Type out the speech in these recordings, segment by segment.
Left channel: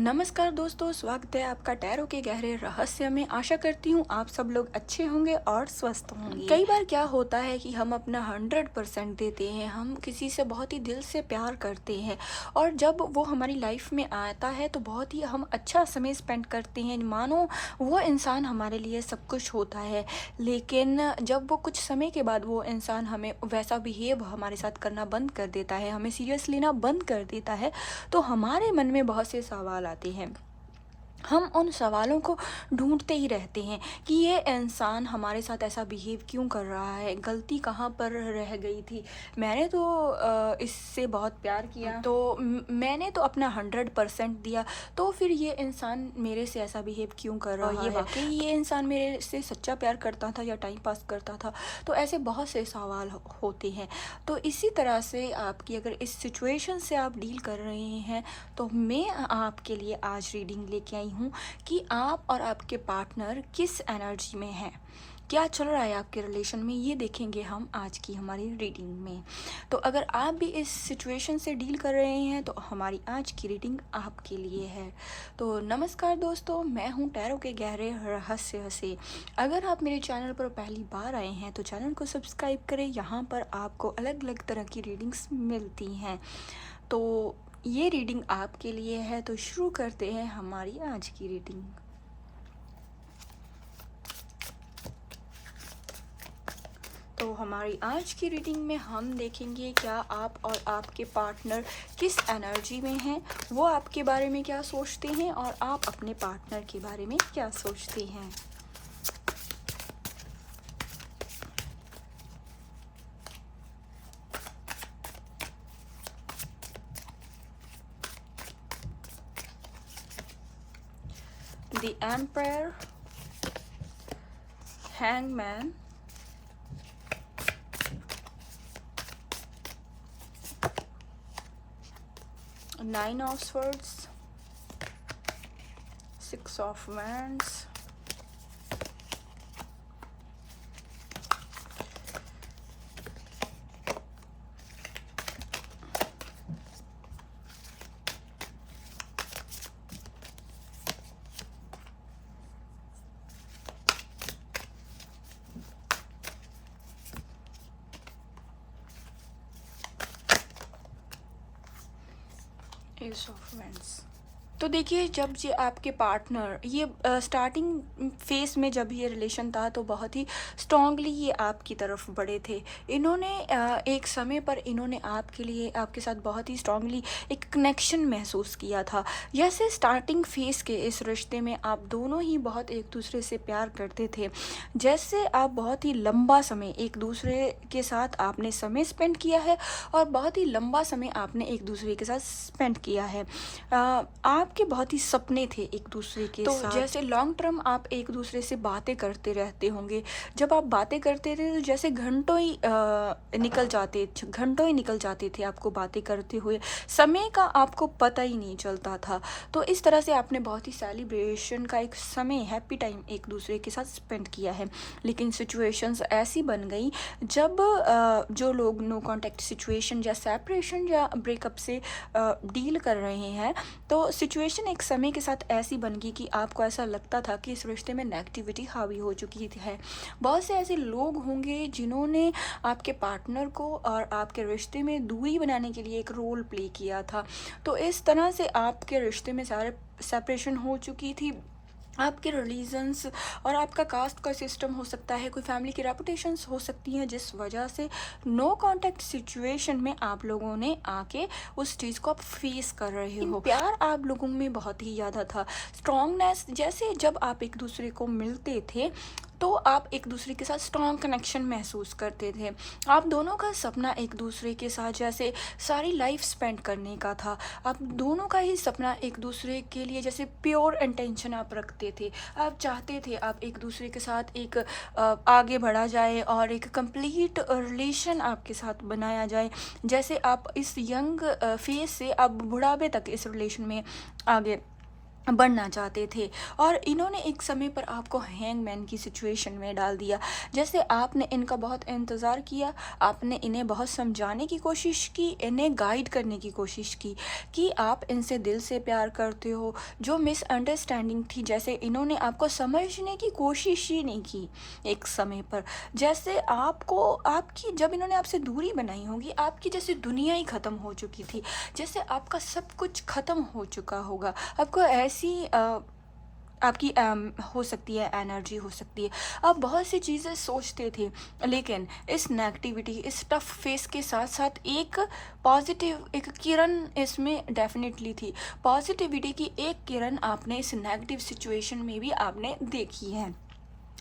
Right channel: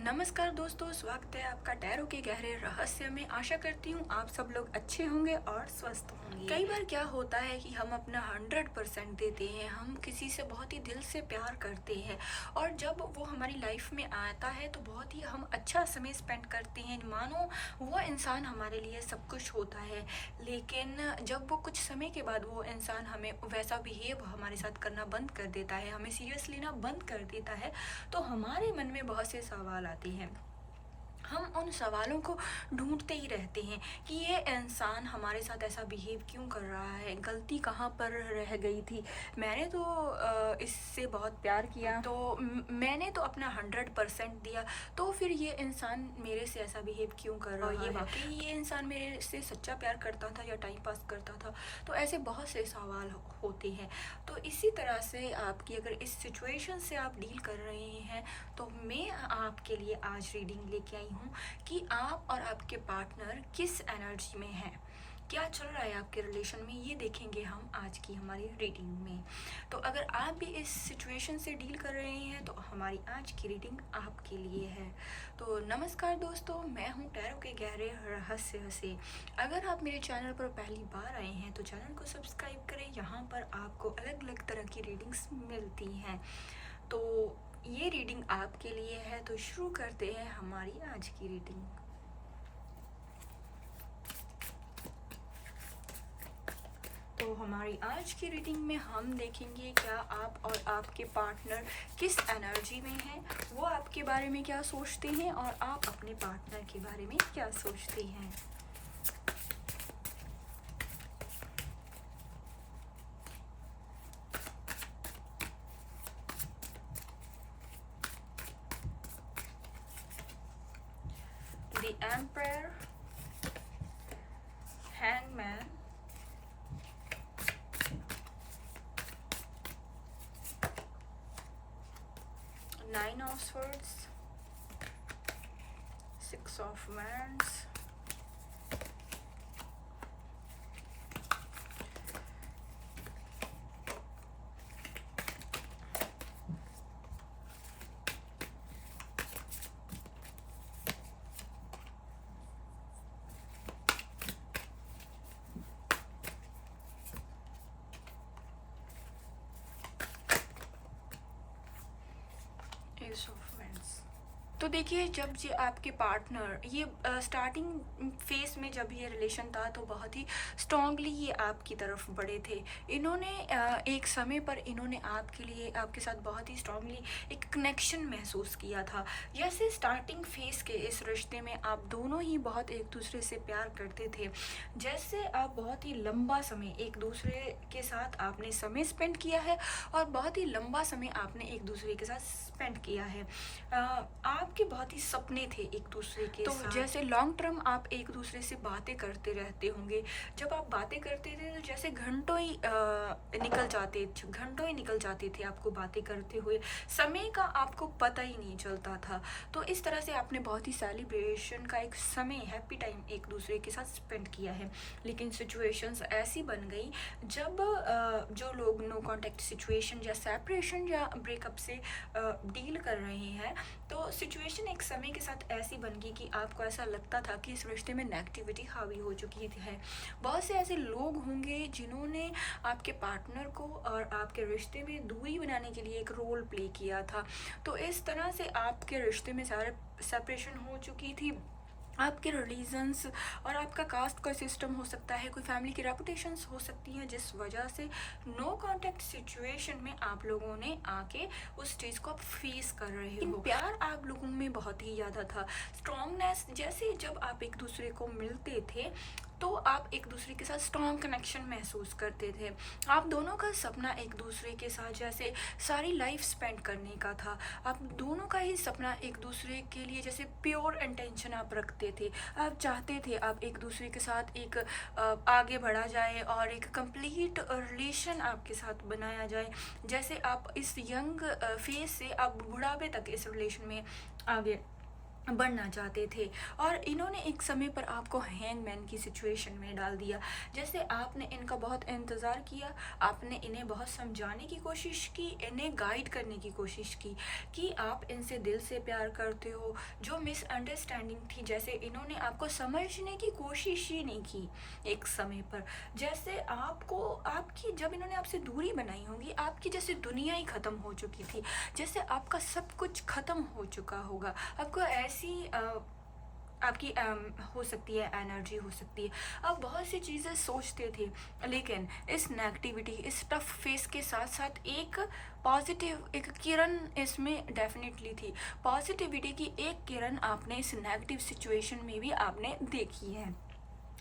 नमस्कार दोस्तों, स्वागत है आपका टैरो के गहरे रहस्य में। आशा करती हूँ आप सब लोग अच्छे होंगे और स्वस्थ होंगे। कई बार क्या होता है कि हम अपना 100% देते हैं, हम किसी से बहुत ही दिल से प्यार करते हैं और जब वो हमारी लाइफ में आता है तो बहुत ही हम अच्छा समय स्पेंड करते हैं, मानो वो इंसान हमारे लिए सब कुछ होता है। लेकिन जब वो कुछ समय के बाद वो इंसान हमें वैसा बिहेव हमारे साथ करना बंद कर देता है, हमें सीरियस लेना बंद कर देता है, तो हमारे मन में बहुत से सवाल आते हैं। हम उन सवालों को ढूंढते ही रहते हैं कि ये इंसान हमारे साथ ऐसा बिहेव क्यों कर रहा है, गलती कहाँ पर रह गई थी। मैंने तो इससे बहुत प्यार किया, तो मैंने तो अपना 100% दिया, तो फिर ये इंसान मेरे से ऐसा बिहेव क्यों कर रहा है। वाकई ये इंसान मेरे से सच्चा प्यार करता था या टाइम पास करता था। तो ऐसे बहुत से सवाल होते हैं। तो इसी तरह से आपकी अगर इस सिचुएशन से आप डील कर रहे हैं तो मैं आपके लिए आज रीडिंग लेके आई हूँ कि आप और आपके पार्टनर किस एनर्जी में हैं, क्या चल रहा है आपके रिलेशन में, ये देखेंगे हम आज की हमारी रीडिंग में। तो अगर आप भी इस सिचुएशन से डील कर रहे हैं तो हमारी आज की रीडिंग आपके लिए है। तो नमस्कार दोस्तों, मैं हूँ टैरो के गहरे रहस्य से। अगर आप मेरे चैनल पर पहली बार आए हैं तो चैनल को सब्सक्राइब करें, यहाँ पर आपको अलग अलग तरह की रीडिंग्स मिलती हैं। तो ये रीडिंग आपके लिए है, तो शुरू करते हैं हमारी आज की रीडिंग। तो हमारी आज की रीडिंग में हम देखेंगे क्या आप और आपके पार्टनर किस एनर्जी में हैं, वो आपके बारे में क्या सोचते हैं और आप अपने पार्टनर के बारे में क्या सोचते हैं। The Emperor, Hangman, Nine of Swords, Six of Wands, Ace of Wands। तो देखिए, जब ये आपके पार्टनर ये स्टार्टिंग फेस में जब ये रिलेशन था तो बहुत ही स्ट्रांगली ये आपकी तरफ बढ़े थे। इन्होंने एक समय पर इन्होंने आपके लिए आपके साथ बहुत ही स्ट्रांगली एक कनेक्शन महसूस किया था। जैसे स्टार्टिंग फेस के इस रिश्ते में आप दोनों ही बहुत एक दूसरे से प्यार करते थे, जैसे आप बहुत ही लंबा समय एक दूसरे के साथ आपने समय स्पेंड किया है और बहुत ही लंबा समय आपने एक दूसरे के साथ स्पेंड किया है। आपके बहुत ही सपने थे एक दूसरे के साथ। तो जैसे लॉन्ग टर्म आप एक दूसरे से बातें करते रहते होंगे। जब आप बातें करते थे तो जैसे घंटों ही निकल जाते थे आपको बातें करते हुए, समय का आपको पता ही नहीं चलता था। तो इस तरह से आपने बहुत ही सेलिब्रेशन का एक समय, हैप्पी टाइम एक दूसरे के साथ स्पेंड किया है। लेकिन सिचुएशंस ऐसी बन गई जब जो लोग नो कॉन्टैक्ट सिचुएशन या सेपरेशन या ब्रेकअप से डील कर रहे हैं, तो सिचुएशन एक समय के साथ ऐसी बन गई कि आपको ऐसा लगता था कि इस रिश्ते में नेगेटिविटी हावी हो चुकी है। बहुत से ऐसे लोग होंगे जिन्होंने आपके पार्टनर को और आपके रिश्ते में दूरी बनाने के लिए एक रोल प्ले किया था। तो इस तरह से आपके रिश्ते में सारे सेपरेशन हो चुकी थी। आपके रिलीजन्स और आपका कास्ट का सिस्टम हो सकता है, कोई फैमिली की रेपुटेशंस हो सकती हैं, जिस वजह से नो कॉन्टैक्ट सिचुएशन में आप लोगों ने आके उस चीज़ को आप फेस कर रहे हो। प्यार आप लोगों में बहुत ही ज़्यादा था, स्ट्रॉन्गनेस। जैसे जब आप एक दूसरे को मिलते थे तो आप एक दूसरे के साथ स्ट्रॉन्ग कनेक्शन महसूस करते थे। आप दोनों का सपना एक दूसरे के साथ जैसे सारी लाइफ स्पेंड करने का था। आप दोनों का ही सपना एक दूसरे के लिए जैसे प्योर इंटेंशन आप रखते थे। आप चाहते थे आप एक दूसरे के साथ एक आगे बढ़ा जाए और एक कंप्लीट रिलेशन आपके साथ बनाया जाए। जैसे आप इस यंग फेज से आप बुढ़ापे तक इस रिलेशन में आगे बनना चाहते थे और इन्होंने एक समय पर आपको हैंगमैन की सिचुएशन में डाल दिया। जैसे आपने इनका बहुत इंतज़ार किया, आपने इन्हें बहुत समझाने की कोशिश की, इन्हें गाइड करने की कोशिश की कि आप इनसे दिल से प्यार करते हो। जो मिसअंडरस्टैंडिंग थी, जैसे इन्होंने आपको समझने की कोशिश ही नहीं की एक समय पर। जैसे आपको आपकी जब इन्होंने आपसे दूरी बनाई होगी, आपकी जैसे दुनिया ही ख़त्म हो चुकी थी, जैसे आपका सब कुछ ख़त्म हो चुका होगा। आपको ऐसी आपकी हो सकती है, एनर्जी हो सकती है, आप बहुत सी चीज़ें सोचते थे। लेकिन इस नेगेटिविटी, इस टफ फेस के साथ साथ एक पॉजिटिव, एक किरण इसमें डेफिनेटली थी। पॉजिटिविटी की एक किरण आपने इस नेगेटिव सिचुएशन में भी आपने देखी है।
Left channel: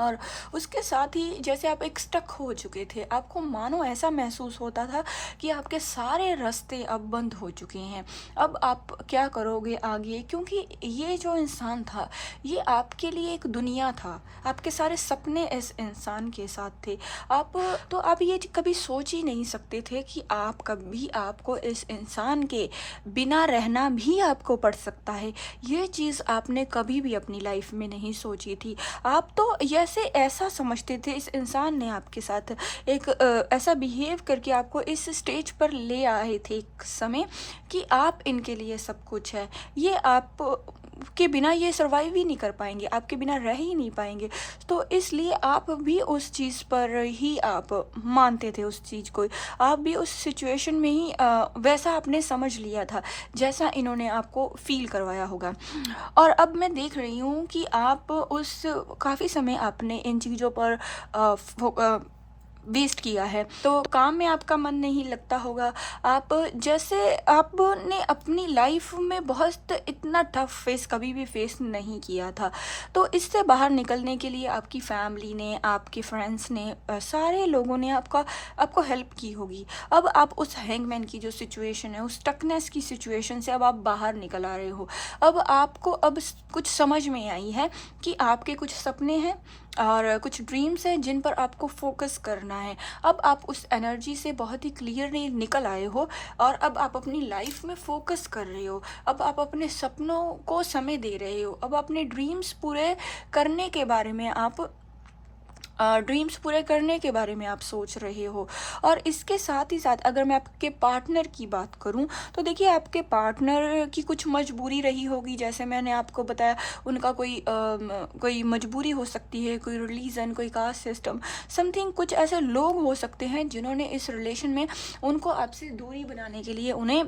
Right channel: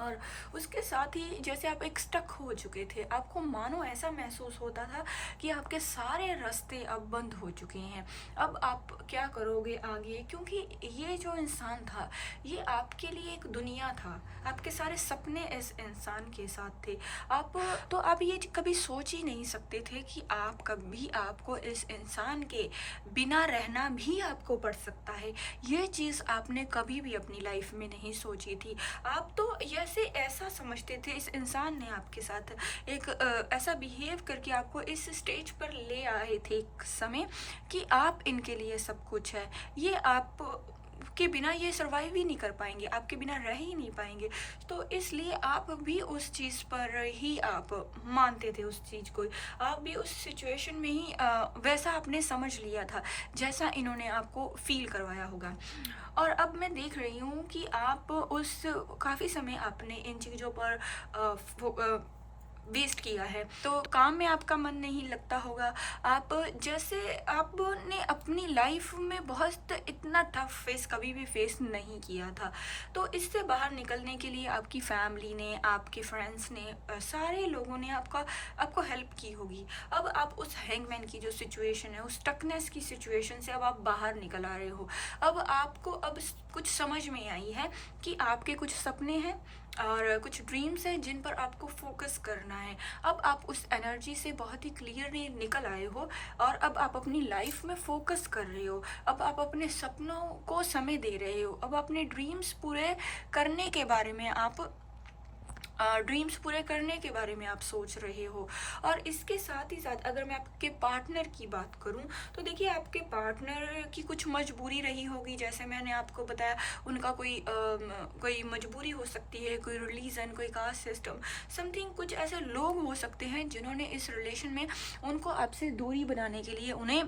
और उसके साथ ही जैसे आप एक स्टक हो चुके थे, आपको मानो ऐसा महसूस होता था कि आपके सारे रास्ते अब बंद हो चुके हैं। अब आप क्या करोगे आगे, क्योंकि ये जो इंसान था, ये आपके लिए एक दुनिया था, आपके सारे सपने इस इंसान के साथ थे। आप तो आप ये कभी सोच ही नहीं सकते थे कि आप कभी आपको इस इंसान के बिना रहना भी आपको पड़ सकता है। ये चीज़ आपने कभी भी अपनी लाइफ में नहीं सोची थी। आप तो जैसे ऐसा समझते थे, इस इंसान ने आपके साथ एक ऐसा बिहेव करके आपको इस स्टेज पर ले आए थे एक समय कि आप इनके लिए सब कुछ है। ये आप के बिना ये सर्वाइव ही नहीं कर पाएंगे, आपके बिना रह ही नहीं पाएंगे। तो इसलिए आप भी उस चीज़ पर ही आप मानते थे, उस चीज़ को आप भी उस सिचुएशन में ही वैसा आपने समझ लिया था जैसा इन्होंने आपको फील करवाया होगा। और अब मैं देख रही हूँ कि आप उस काफ़ी समय आपने इन चीज़ों पर वेस्ट किया है, तो काम में आपका मन नहीं लगता होगा। आप जैसे आपने अपनी लाइफ में बहुत इतना टफ फेस कभी भी फेस नहीं किया था। तो इससे बाहर निकलने के लिए आपकी फैमिली ने, आपके फ्रेंड्स ने, सारे लोगों ने आपको हेल्प की होगी। अब आप उस हैंगमैन की जो सिचुएशन है, उस स्टकनेस की सिचुएशन से अब आप बाहर निकल आ रहे हो। अब आपको कुछ समझ में आई है कि आपके कुछ सपने हैं और कुछ ड्रीम्स हैं जिन पर आपको फोकस करना है। अब आप उस एनर्जी से बहुत ही क्लियरली निकल आए हो और अब आप अपनी लाइफ में फोकस कर रहे हो। अब आप अपने सपनों को समय दे रहे हो। अब अपने ड्रीम्स पूरे करने के बारे में आप सोच रहे हो। और इसके साथ ही साथ अगर मैं आपके पार्टनर की बात करूं, तो देखिए आपके पार्टनर की कुछ मजबूरी रही होगी। जैसे मैंने आपको बताया, उनका कोई मजबूरी हो सकती है, कोई रिलीजन, कोई कास्ट सिस्टम, समथिंग। कुछ ऐसे लोग हो सकते हैं जिन्होंने इस रिलेशन में उनको आपसे दूरी बनाने के लिए उन्हें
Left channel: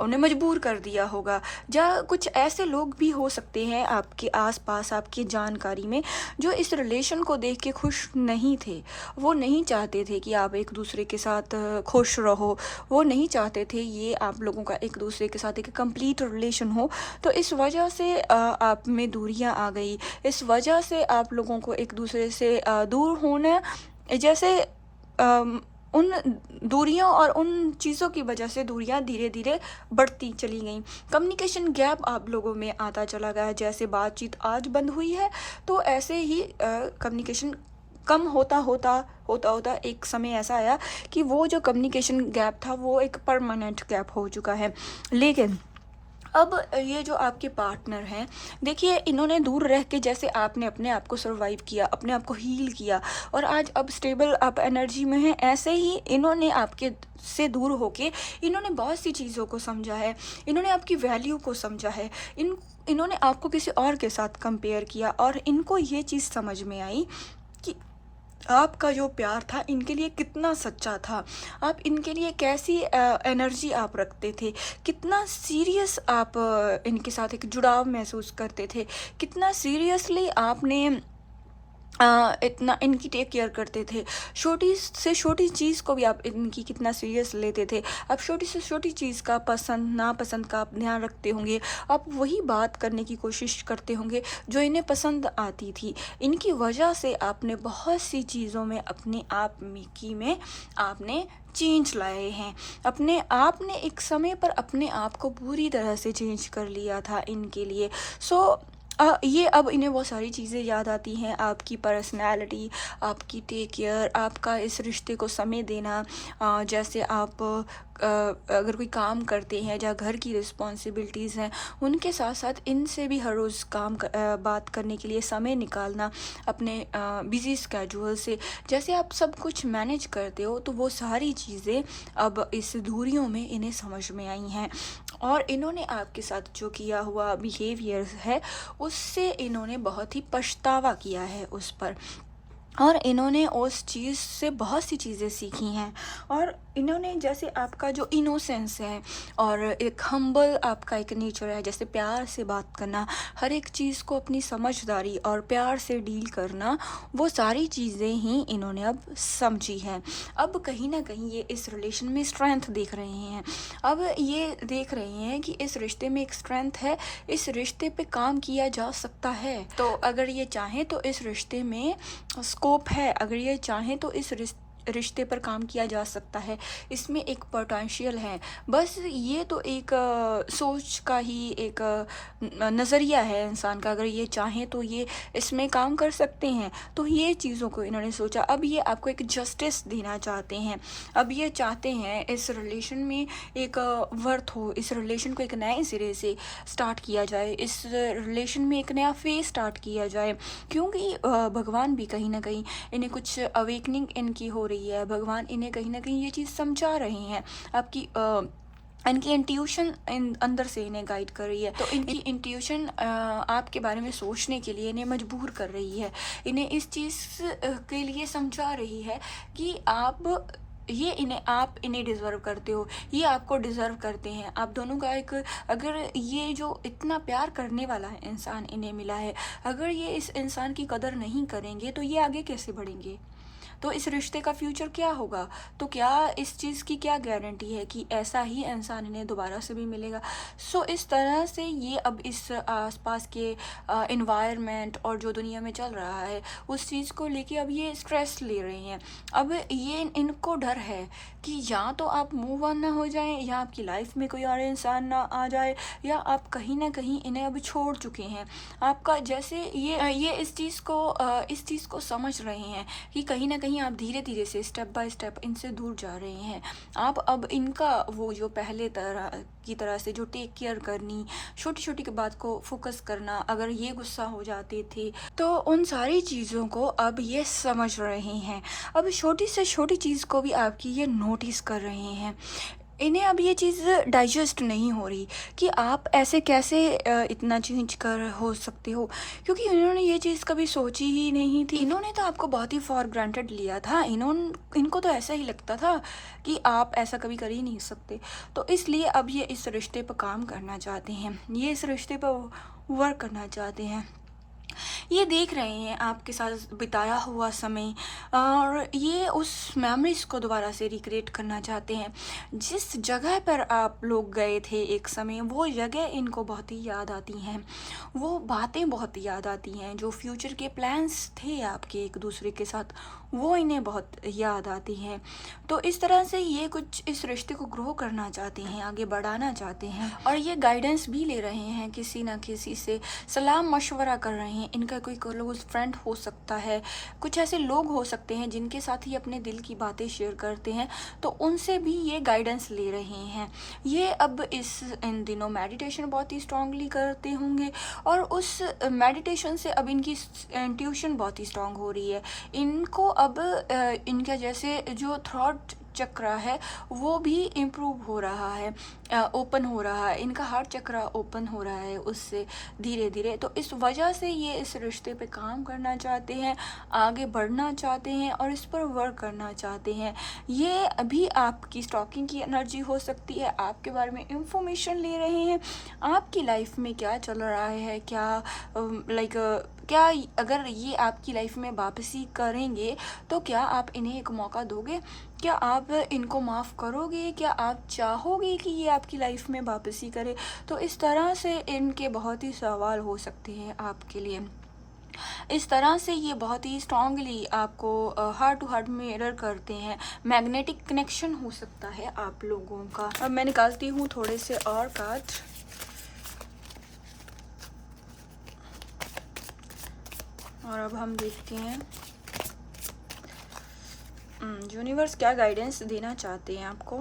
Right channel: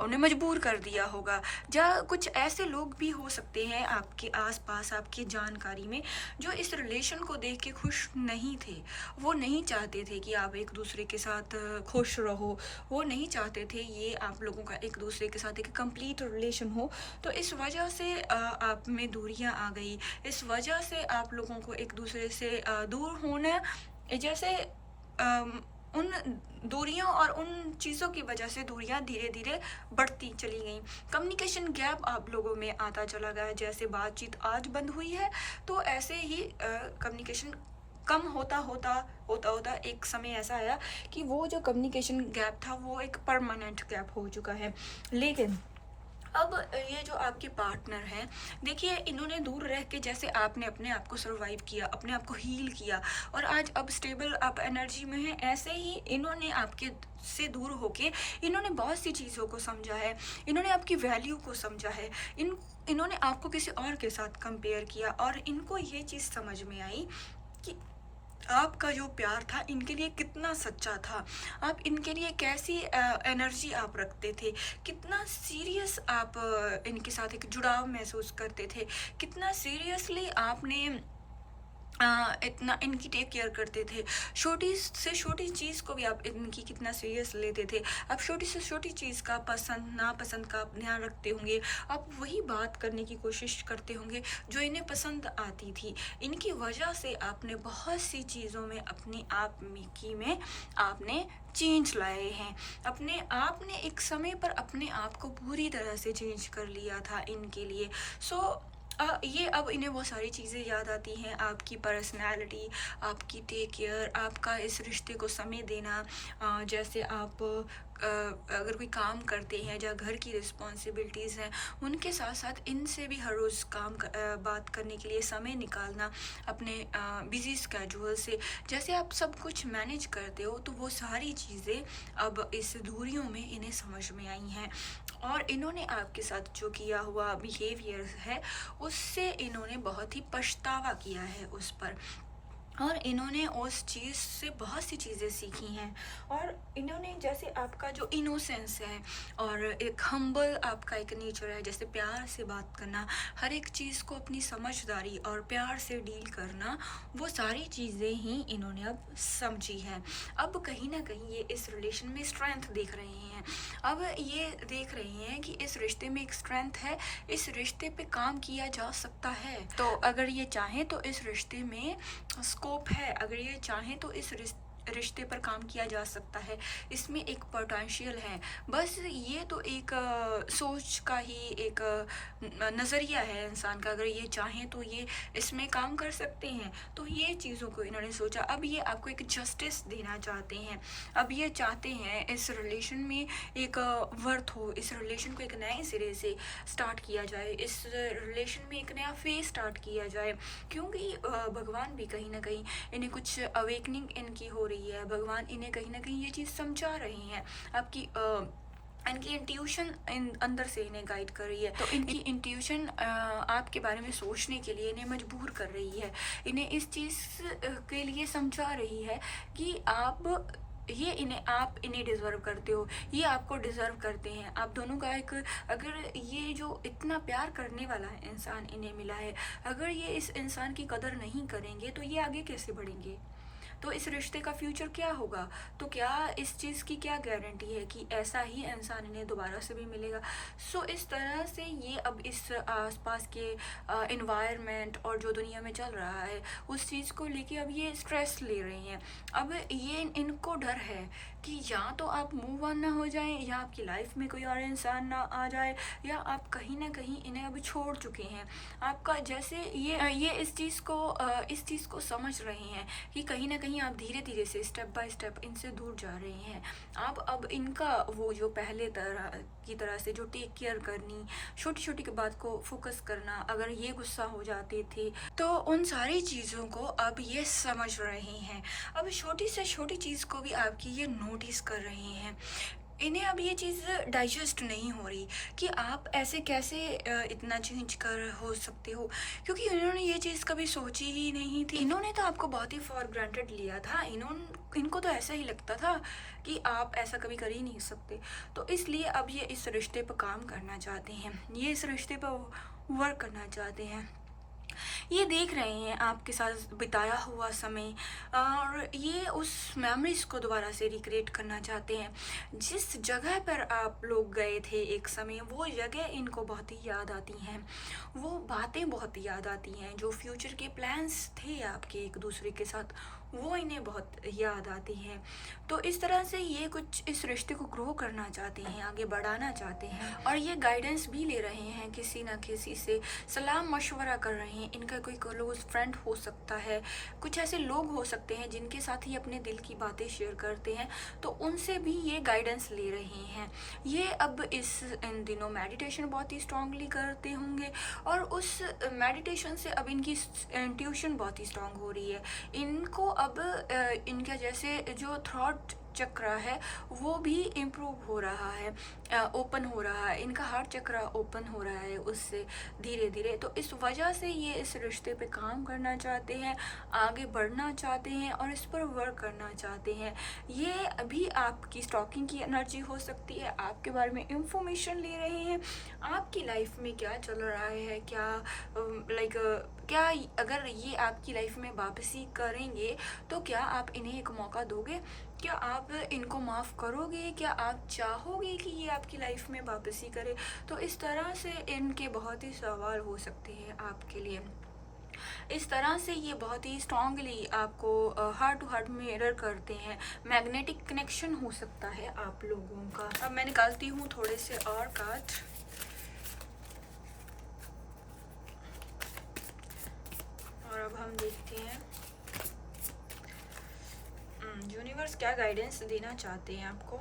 मजबूर कर दिया होगा। या कुछ ऐसे लोग भी हो सकते हैं आपके आसपास, आपकी जानकारी में, जो इस रिलेशन को देख के खुश नहीं थे। वो नहीं चाहते थे कि आप एक दूसरे के साथ खुश रहो। वो नहीं चाहते थे ये आप लोगों का एक दूसरे के साथ एक कंप्लीट रिलेशन हो। तो इस वजह से आप में दूरियां आ गई। इस वजह से आप लोगों को एक दूसरे से दूर होना, जैसे उन दूरियों और उन चीज़ों की वजह से दूरियां धीरे धीरे बढ़ती चली गई। कम्युनिकेशन गैप आप लोगों में आता चला गया। जैसे बातचीत आज बंद हुई है, तो ऐसे ही कम्युनिकेशन कम होता एक समय ऐसा आया कि वो जो कम्युनिकेशन गैप था वो एक परमानेंट गैप हो चुका है। लेकिन अब ये जो आपके पार्टनर हैं, देखिए इन्होंने दूर रह के जैसे आपने अपने आप को सर्वाइव किया, अपने आप को हील किया और आज अब स्टेबल आप एनर्जी में हैं, ऐसे ही इन्होंने आपके से दूर होके इन्होंने बहुत सी चीज़ों को समझा है। इन्होंने आपकी वैल्यू को समझा है। इन्होंने आपको किसी और के साथ कंपेयर किया और इनको ये चीज़ समझ में आई कि आपका जो प्यार था इनके लिए कितना सच्चा था। आप इनके लिए कैसी एनर्जी आप रखते थे, कितना सीरियस आप इनके साथ एक जुड़ाव महसूस करते थे, कितना सीरियसली आपने इतना इनकी टेक केयर करते थे। छोटी से छोटी चीज़ को भी आप इनकी कितना सीरियस लेते थे। आप छोटी से छोटी चीज़ का पसंद नापसंद का आप ध्यान रखते होंगे। आप वही बात करने की कोशिश करते होंगे जो इन्हें पसंद आती थी। इनकी वजह से आपने बहुत सी चीज़ों में अपने आप में आपने चेंज लाए हैं। आपने एक समय पर अपने आप को पूरी तरह से चेंज कर लिया था इनके लिए। ये अब इन्हें वो सारी चीज़ें याद आती हैं, आपकी पर्सनैलिटी, आपकी टेक केयर, आपका इस रिश्ते को समय देना। जैसे आप अगर कोई काम करते हैं या घर की रिस्पॉन्सिबिलिटीज़ हैं, उनके साथ साथ इनसे भी हर रोज़ बात करने के लिए समय निकालना अपने बिजी स्केड्यूल से, जैसे आप सब कुछ मैनेज करते हो, तो वो सारी चीज़ें अब इस दूरियों में इन्हें समझ में आई हैं। और इन्होंने आपके साथ जो किया हुआ बिहेवियर है, उससे इन्होंने बहुत ही पछतावा किया है उस पर, और इन्होंने उस चीज़ से बहुत सी चीज़ें सीखी हैं। और इन्होंने जैसे आपका जो इनोसेंस है और एक हम्बल आपका एक नेचर है, जैसे प्यार से बात करना, हर एक चीज़ को अपनी समझदारी और प्यार से डील करना, वो सारी चीज़ें ही इन्होंने अब समझी हैं। अब कहीं ना कहीं ये इस रिलेशन में स्ट्रेंथ देख रहे हैं। अब ये देख रहे हैं कि इस रिश्ते में एक स्ट्रेंथ है, इस रिश्ते पे काम किया जा सकता है। तो अगर ये चाहें तो इस रिश्ते में स्कोप है, अगर ये चाहें तो इस रिश्ते पर काम किया जा सकता है, इसमें एक पोटेंशियल है। बस ये तो एक सोच का ही एक नज़रिया है इंसान का, अगर ये चाहें तो ये इसमें काम कर सकते हैं। तो ये चीज़ों को इन्होंने सोचा। अब ये आपको एक जस्टिस देना चाहते हैं, अब ये चाहते हैं इस रिलेशन में एक वर्थ हो, इस रिलेशन को एक नए सिरे से स्टार्ट किया जाए, इस रिलेशन में एक नया फेज स्टार्ट किया जाए, क्योंकि भगवान भी कहीं ना कहीं इन्हें कुछ अवेकनिंग इनकी हो रही है। भगवान इन्हें कहीं ना कहीं ये चीज़ समझा रहे हैं। आपकी इनकी इंट्यूशन अंदर से इन्हें गाइड कर रही है। तो इनकी इंट्यूशन आपके बारे में सोचने के लिए इन्हें मजबूर कर रही है, इन्हें इस चीज़ के लिए समझा रही है कि आप इन्हें डिज़र्व करते हो, ये आपको डिज़र्व करते हैं। आप दोनों का एक, अगर ये जो इतना प्यार करने वाला है इंसान इन्हें मिला है, अगर ये इस इंसान की कदर नहीं करेंगे तो ये आगे कैसे बढ़ेंगे? तो इस रिश्ते का फ्यूचर क्या होगा? तो क्या इस चीज़ की क्या गारंटी है कि ऐसा ही इंसान इन्हें दोबारा से भी मिलेगा? सो इस तरह से ये अब इस आसपास के एनवायरनमेंट और जो दुनिया में चल रहा है उस चीज़ को लेके अब ये स्ट्रेस ले रहे हैं। अब ये इनको डर है कि या तो आप मूव ऑन ना हो जाएं, या आपकी लाइफ में कोई और इंसान ना आ जाए, या आप कहीं ना कहीं इन्हें अब छोड़ चुके हैं। आपका जैसे ये इस चीज़ को समझ रहे हैं कि कहीं ना कहीं आप धीरे धीरे से स्टेप बाय स्टेप इनसे दूर जा रहे हैं। आप अब इनका वो जो पहले तरह से जो टेक केयर करनी, छोटी छोटी बात को फोकस करना, अगर ये गुस्सा हो जाते थे तो उन सारी चीज़ों को अब ये समझ रहे हैं। अब छोटी से छोटी चीज़ को भी आपकी ये नोटिस कर रहे हैं। इन्हें अब ये चीज़ डाइजेस्ट नहीं हो रही कि आप ऐसे कैसे इतना चेंज कर हो सकते हो, क्योंकि इन्होंने ये चीज़ कभी सोची ही नहीं थी। इन्होंने तो आपको बहुत ही फॉर ग्रांटेड लिया था। इनको तो ऐसा ही लगता था कि आप ऐसा कभी कर ही नहीं सकते। तो इसलिए अब ये इस रिश्ते पर काम करना चाहते हैं, ये इस रिश्ते पर वर्क करना चाहते हैं। ये देख रहे हैं आपके साथ बिताया हुआ समय, और ये उस मेमोरीज को दोबारा से रिक्रिएट करना चाहते हैं। जिस जगह पर आप लोग गए थे एक समय, वो जगह इनको बहुत ही याद आती हैं, वो बातें बहुत याद आती हैं, जो फ्यूचर के प्लान्स थे आपके एक दूसरे के साथ, वो इन्हें बहुत याद आती हैं। तो इस तरह से ये कुछ इस रिश्ते को ग्रो करना चाहते हैं, आगे बढ़ाना चाहते हैं, और ये गाइडेंस भी ले रहे हैं, किसी ना किसी से सलाह मशवरा कर रहे हैं। इनका कोई क्लोज फ्रेंड हो सकता है, कुछ ऐसे लोग हो सकते हैं जिनके साथ ही अपने दिल की बातें शेयर करते हैं, तो उनसे भी ये गाइडेंस ले रहे हैं। ये अब इन दिनों मेडिटेशन बहुत ही स्ट्रांगली करते होंगे, और उस मेडिटेशन से अब इनकी इंट्यूशन बहुत ही स्ट्रांग हो रही है। इनको अब इनका जैसे जो थॉट चक्र है वो भी इम्प्रूव हो रहा है, ओपन हो रहा है, इनका हार्ट चक्र ओपन हो रहा है उससे धीरे धीरे। तो इस वजह से ये इस रिश्ते पे काम करना चाहते हैं, आगे बढ़ना चाहते हैं, और इस पर वर्क करना चाहते हैं। ये अभी आपकी स्टॉकिंग की एनर्जी हो सकती है, आपके बारे में इंफॉर्मेशन ले रहे हैं, आपकी लाइफ में क्या चल रहा है, क्या अगर ये आपकी लाइफ में वापसी करेंगे तो क्या आप इन्हें एक मौका दोगे? क्या आप इनको माफ़ करोगे? क्या आप चाहोगे कि ये आपकी लाइफ में वापसी करे? तो इस तरह से इनके बहुत ही सवाल हो सकते हैं आपके लिए। इस तरह से ये बहुत ही स्ट्रांगली आपको हार्ट टू हार्ट मिरर करते हैं। मैग्नेटिक कनेक्शन हो सकता है आप लोगों का। अब मैं निकालती हूँ थोड़े से और कार्ड। और अब हम देखते हैं यूनिवर्स क्या गाइडेंस देना चाहते हैं आपको।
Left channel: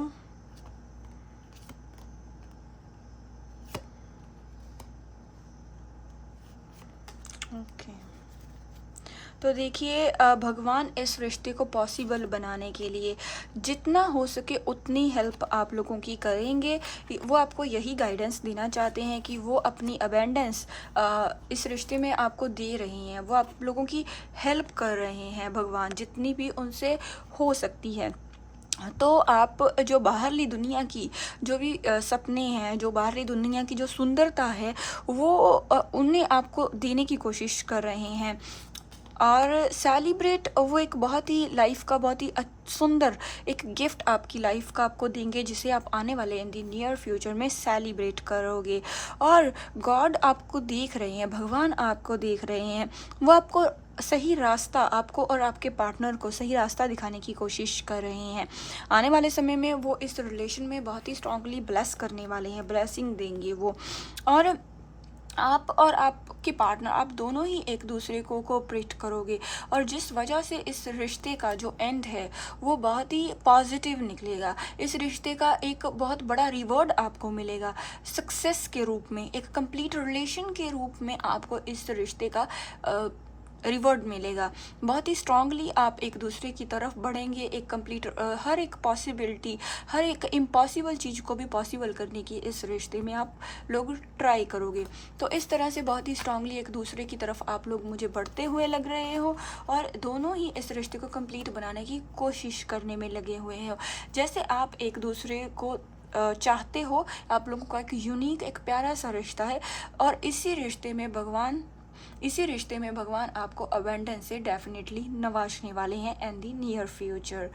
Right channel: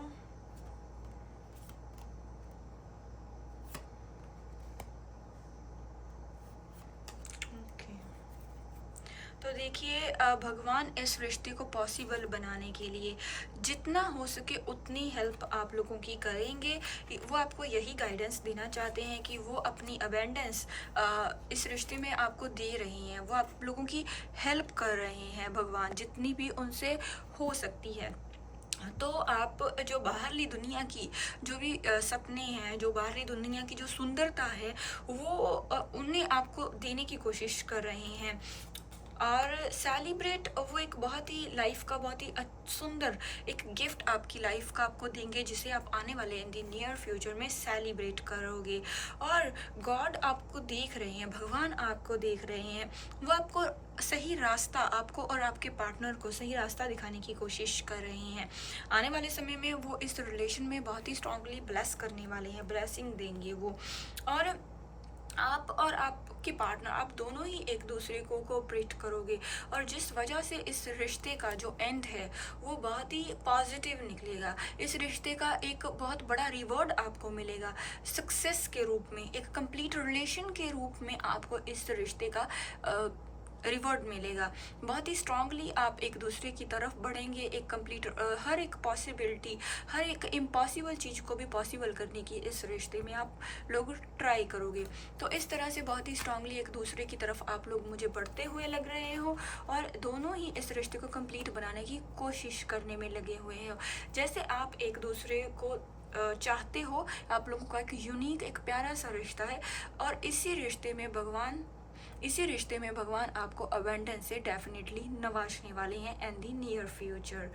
तो देखिए भगवान इस रिश्ते को पॉसिबल बनाने के लिए जितना हो सके उतनी हेल्प आप लोगों की करेंगे। वो आपको यही गाइडेंस देना चाहते हैं कि वो अपनी अबेंडेंस इस रिश्ते में आपको दे रहे हैं, वो आप लोगों की हेल्प कर रहे हैं भगवान जितनी भी उनसे हो सकती है। तो आप जो बाहरली दुनिया की जो भी सपने हैं, जो बाहरली दुनिया की जो सुंदरता है, वो उन्हें आपको देने की कोशिश कर रहे हैं। और सेलिब्रेट वो एक बहुत ही लाइफ का बहुत ही सुंदर एक गिफ्ट आपकी लाइफ का आपको देंगे, जिसे आप आने वाले इन द नियर फ्यूचर में सेलिब्रेट करोगे। और गॉड आपको देख रहे हैं, भगवान आपको देख रहे हैं, वो आपको सही रास्ता, आपको और आपके पार्टनर को सही रास्ता दिखाने की कोशिश कर रहे हैं। आने वाले समय में वो इस रिलेशन में बहुत ही स्ट्रांगली ब्लेस करने वाले हैं, ब्लेसिंग देंगे वो। और आप और आपके पार्टनर, आप दोनों ही एक दूसरे को कोऑपरेट करोगे, और जिस वजह से इस रिश्ते का जो एंड है वो बहुत ही पॉजिटिव निकलेगा। इस रिश्ते का एक बहुत बड़ा रिवॉर्ड आपको मिलेगा सक्सेस के रूप में, एक कंप्लीट रिलेशन के रूप में आपको इस रिश्ते का रिवॉर्ड मिलेगा। बहुत ही स्ट्रांगली आप एक दूसरे की तरफ बढ़ेंगे, एक कंप्लीट हर एक पॉसिबिलिटी, हर एक इम्पॉसिबल चीज़ को भी पॉसिबल करने की इस रिश्ते में आप लोग ट्राई करोगे। तो इस तरह से बहुत ही स्ट्रांगली एक दूसरे की तरफ आप लोग मुझे बढ़ते हुए लग रहे हो, और दोनों ही इस रिश्ते को कंप्लीट बनाने की कोशिश करने में लगे हुए हो। जैसे आप एक दूसरे को चाहते हो, आप लोगों का एक यूनिक, एक प्यारा सा रिश्ता है, और इसी रिश्ते में भगवान आपको अबेंडेंस से डेफिनेटली नवाजने वाले हैं इन दी नियर फ्यूचर।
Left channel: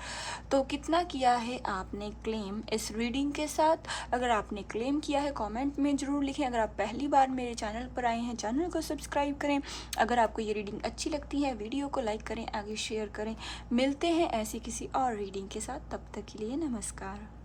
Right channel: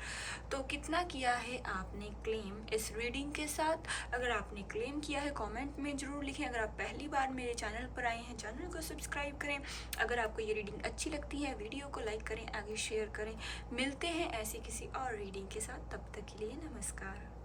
तो कितना किया है आपने क्लेम इस रीडिंग के साथ? अगर आपने क्लेम किया है कमेंट में ज़रूर लिखें। अगर आप पहली बार मेरे चैनल पर आए हैं, चैनल को सब्सक्राइब करें। अगर आपको ये रीडिंग अच्छी लगती है, वीडियो को लाइक करें, आगे शेयर करें। मिलते हैं ऐसी किसी और रीडिंग के साथ, तब तक के लिए नमस्कार।